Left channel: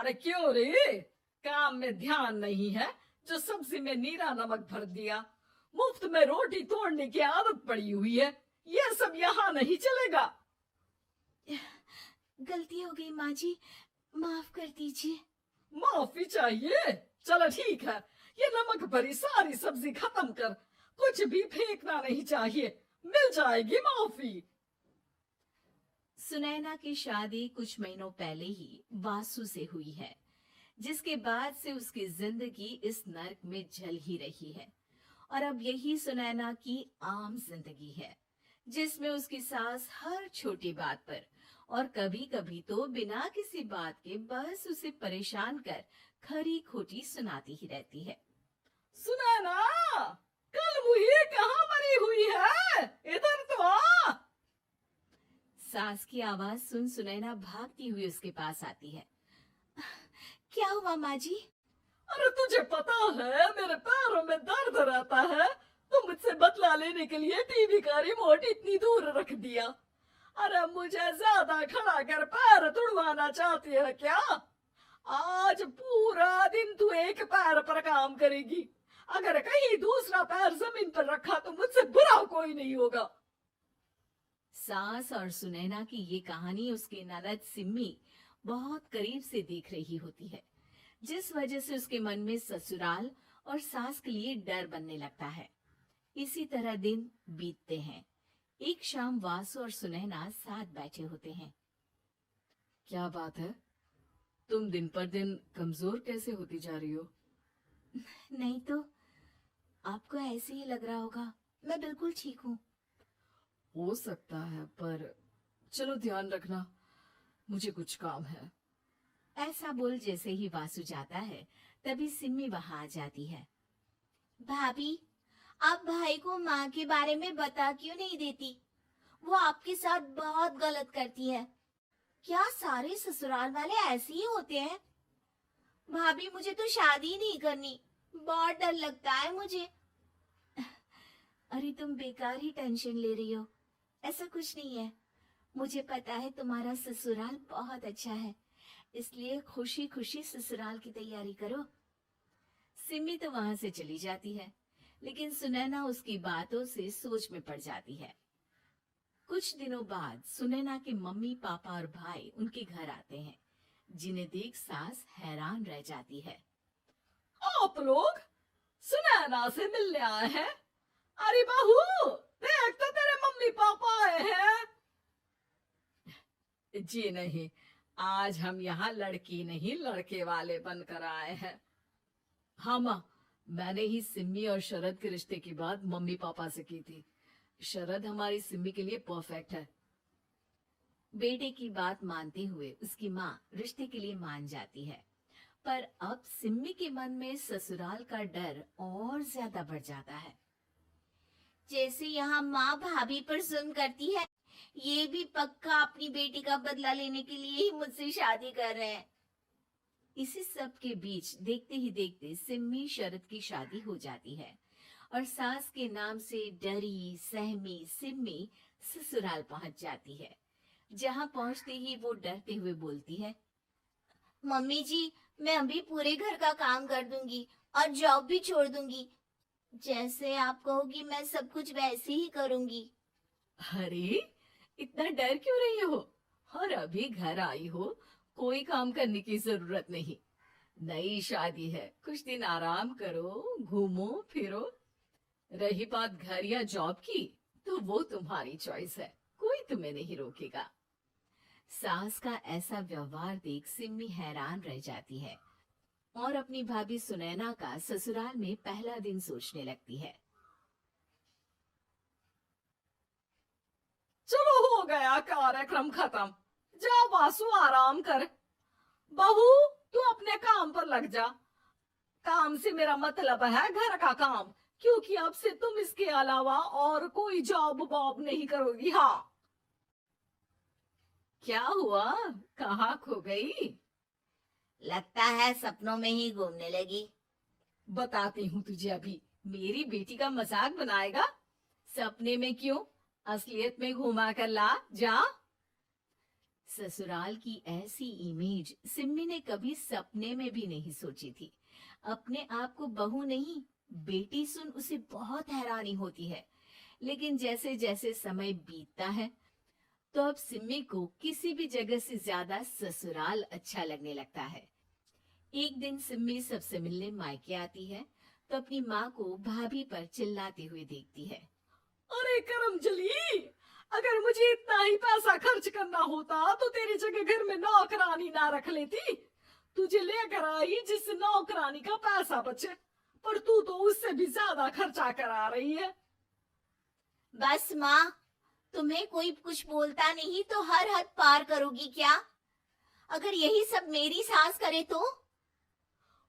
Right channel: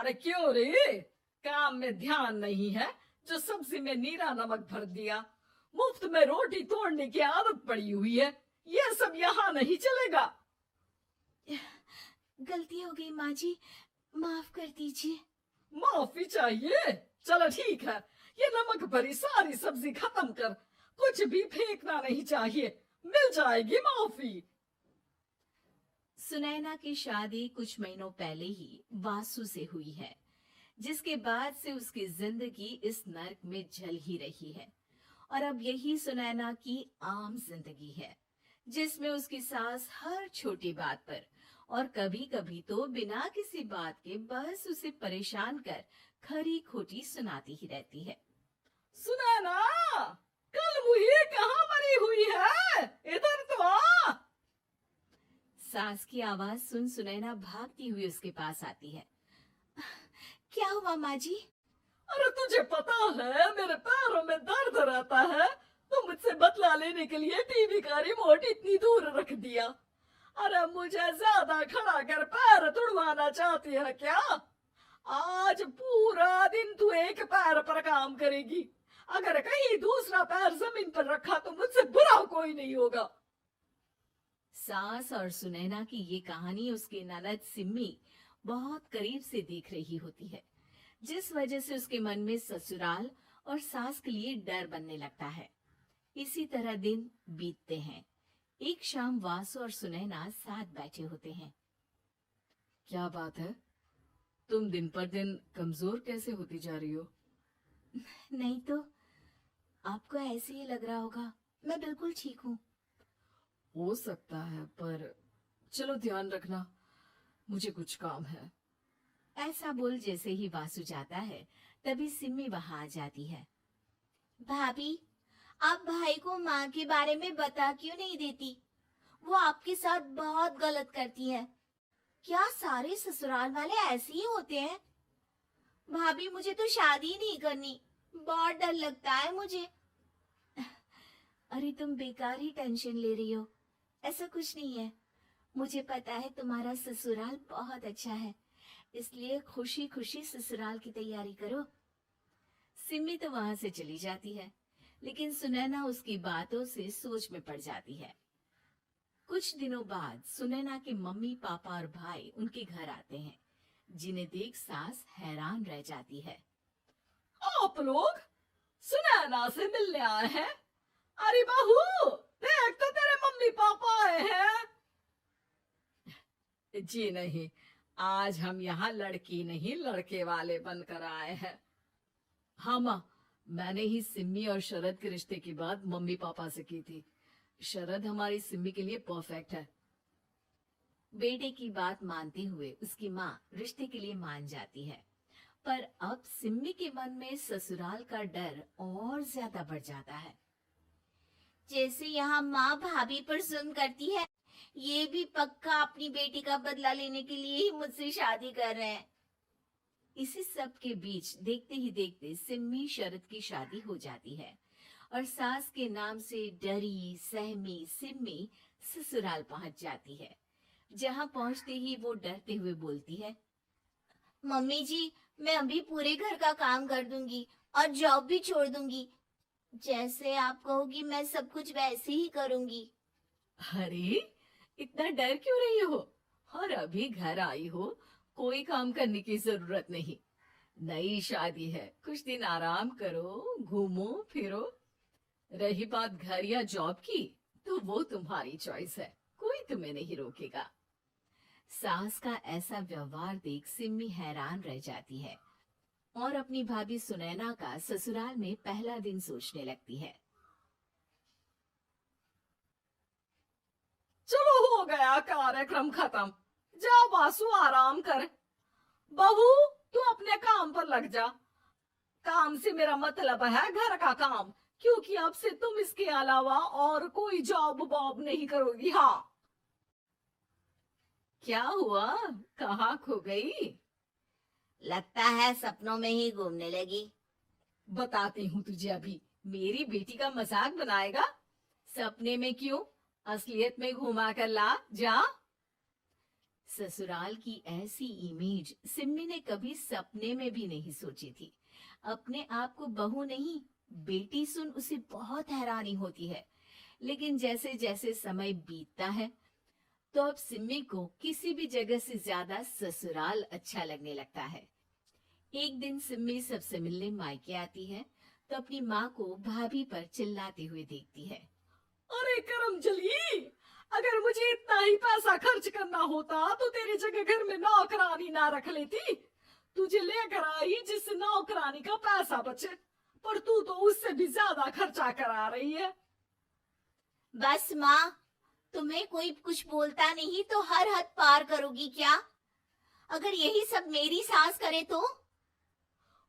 अरे क्यों रे? काम में ध्यान नहीं है जो सब्जी में नीरा नमक भर दिया। मुफ्त में रोटी तोड़ने की आदत पड़ी हुई है। ये सब यहाँ नहीं चलेगा। गलती हो गई माँ जी, माफ कर दीजिए। माफी चाहिए? चलो ठीक है, ये नमक भरी सारी सब्जी खत्म कर। कुछ भी फेंकना नहीं चाहिए, मिल जाएगी माफी। सुनैना की शादी कुछ महीनों पहले ही वासु से हुई है, जिसके बाद से उसकी जिंदगी इस नर्क में जल ही रही है। और अब यही सुनैना की आम जिंदगी है, जिसमें उसकी सास हर छोटी बात पर और कभी कभी तो बिना किसी बात के बस उसे परेशान कर खरी खोटी सुनाती ही रहती है। सुनैना, कल मुही कहाँ मरी हुई है? इधर तो आ। सास की आवाज सुन सुनैना भागती हुई उसके पास आती है। क्या हुआ माँ जी? अरे तुझे पता है मेरे पैरों में दर्द रहता है, तो मुझसे बदला लेने के लिए टीवी का रिमोट इतनी दूर रख दिया। अरे मुझे ज्यादा खड़ा कर पैर तुड़वाना चाहती है क्या? आज पूरा दिन तू एक पैर पर काम करेगी। अगर कहीं दूसरा पैर जमीन पर रखा तो मुझसे बुरा कोई नहीं होगा। सास और सुनैना की ये कहानी उसकी ननद सिम्मी बहुत करीब से देख रही होती है, जिस वजह से उसके मन में ससुराल और सास के लिए डर बनने लगता है। इसी तरह दिन बीतते हैं। एक शाम वासु और सुनैना साथ बैठे होते हैं। क्या बात है, तुम दिन पर दिन कमजोर कैसे होती जा रही हो? नहीं तो, आपको ऐसे ही लग रहा होगा। मैं बिल्कुल ठीक हूँ। हो सकता है, पर चलो ध्यान रखना, मुझे कुछ काम है। ऐसा बोल जैसे ही वासु जाता है, तभी सिम्मी वहां आ जाती है। भाभी, आप भाई को माँ के बारे में बता क्यों नहीं देती? वो आपके साथ बहुत गलत करती है। क्या सारे ससुराल वाले ऐसे ही होते हैं? भाभी, मुझे तो शादी नहीं करनी, बहुत डर लगता है मुझे। अरे तुम बेकार ही टेंशन ले रही हो, ऐसा कुछ नहीं है। मुझे पता है तुम्हारा ससुराल बहुत अच्छा है, इसलिए खुशी खुशी ससुराल की तैयारी करो। सिमी तो वहां से चली जाती है, लेकिन सुनैना उसकी बातों से सोच में पड़ जाती है। कुछ दिनों बाद सुनैना के मम्मी पापा और भाई उनके घर आते हैं, जिन्हें देख सास हैरान रह जाती है। आप लोग सुनैना से मिलने आए हैं? अरे बहू, देख तो तेरे मम्मी पापा आए हैं। जी नहीं, आज हम यहाँ लड़की नहीं लड़के वाले बनकर आए हैं। हाँ माँ, मैंने ही सिम्मी और शरद के रिश्ते की बात मम्मी पापा से की थी। शरद हमारी सिम्मी के लिए परफेक्ट है। बेटे की बात मानते हुए उसकी माँ रिश्ते के लिए मान जाती है, पर अब सिम्मी के मन में ससुराल का डर और ज्यादा बढ़ जाता है। जैसे यहाँ माँ भाभी पर जुल्म करती है, ये भी पक्का अपनी बेटी का बदला लेने के लिए ही मुझसे शादी कर रहे हैं। इसी सब के बीच देखते ही देखते सिम्मी शरद की शादी हो जाती है और सास के नाम से डरी सहमी सिम्मी ससुराल पहुंच जाती है। जहां पहुंचते ही वो डरते हुए बोलती है, मम्मी जी, मैं अभी पूरे घर का काम कर दूंगी और जॉब भी छोड़ दूंगी। जैसे आप कहोगी मैं सब कुछ वैसे ही करूंगी। अरे, इतना डर क्यों रही हो? और अभी घर आई हो, कोई काम करने की जरूरत नहीं। नई शादी है, कुछ दिन आराम करो, घूमो फिरो। रही बात घर या जॉब की, तो वो तुम्हारी चॉइस है, कोई तुम्हें नहीं रोकेगा। सास का ऐसा व्यवहार देख सिम्मी हैरान रह जाती है और अपनी भाभी सुनैना का ससुराल में पहला दिन सोचने लगती है। चलो हो गया कार्यक्रम खत्म, जा वासु आराम कर। बहू, तू अपने काम पर लग जा। काम से मेरा मतलब है घर का काम, क्योंकि अब से तुम इसके अलावा और कोई जॉब वॉब नहीं करोगी। हाँ। क्या हुआ, कहाँ खो गई? लगता है सपनों में ही घूमने लगी। बताती हूँ तुझे अभी। मेरी बेटी का मजाक बनाएगा? सपने में क्यों, असलियत में घुमा कर ला, जा। ससुराल की ऐसी इमेज सिम्मी ने कभी सपने में भी नहीं सोची थी। अपने आप को बहू नहीं, बेटी सुन उसे बहुत हैरानी होती है। लेकिन जैसे जैसे समय बीतता है, तो अब सिम्मी को किसी भी जगह से ज्यादा ससुराल अच्छा लगने लगता है। एक दिन सिम्मी सबसे मिलने मायके आती है, तो अपनी माँ को भाभी पर चिल्लाते हुए देखती है। अरे करमजली, अगर मुझे इतना ही पैसा खर्च करना होता तो तेरी जगह घर में नौकरानी ना रख लेती। तुझे लेकर आई जिस नौकरानी का पैसा बचे, पर तू तो उससे भी ज्यादा खर्चा करा रही है। बस माँ, तुम्हें कोई कुछ बोलता नहीं तो हर हद पार करोगी क्या? अगर यही सब मेरी सास करे तो?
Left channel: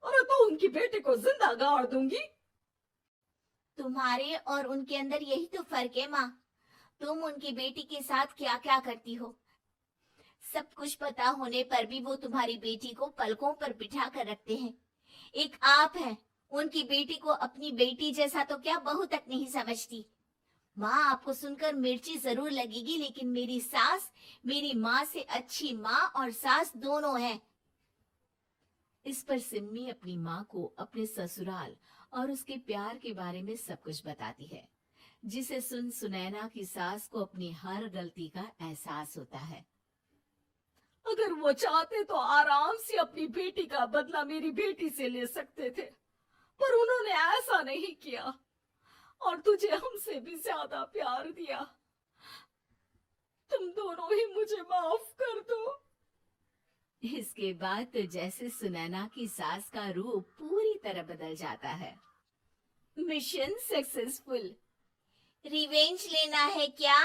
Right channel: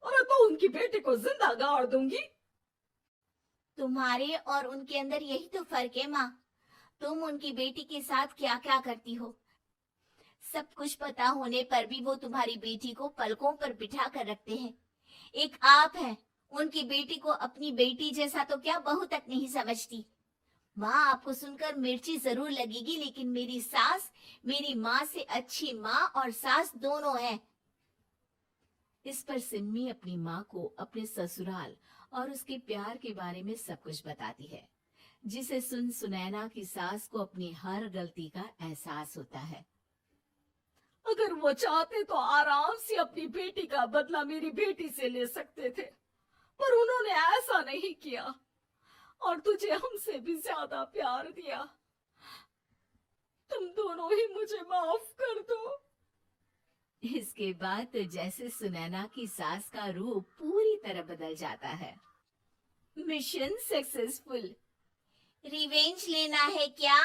अरे तो उनकी बेटी को जिंदा गाड़ दूंगी। तुम्हारे और उनके अंदर यही तो फर्क है माँ। तुम उनकी बेटी के साथ क्या क्या करती हो, सब कुछ पता होने पर भी वो तुम्हारी बेटी को पलकों पर बिठा कर रखते हैं। एक आप है, उनकी बेटी को अपनी बेटी जैसा तो क्या बहू तक नहीं समझती। माँ, आपको सुनकर मिर्ची जरूर लगेगी, लेकिन मेरी सास मेरी माँ से अच्छी माँ और सास दोनों है। इस पर सिम्मी अपनी माँ को अपने ससुराल और उसके प्यार के बारे में सब कुछ बताती है, जिसे सुन सुनैना की सास को अपनी हर गलती का एहसास होता है। अगर वो चाहते तो आराम से अपनी बेटी का बदला मेरी बेटी से ले सकते थे, पर उन्होंने ऐसा नहीं किया और तुझे हमसे भी ज्यादा प्यार दिया। तुम दोनों ही मुझे माफ कर दो। इसके बाद तो जैसे सुनैना की सास का रूप पूरी तरह बदल जाता है। Mission successful. रिवेंज लेना है क्या?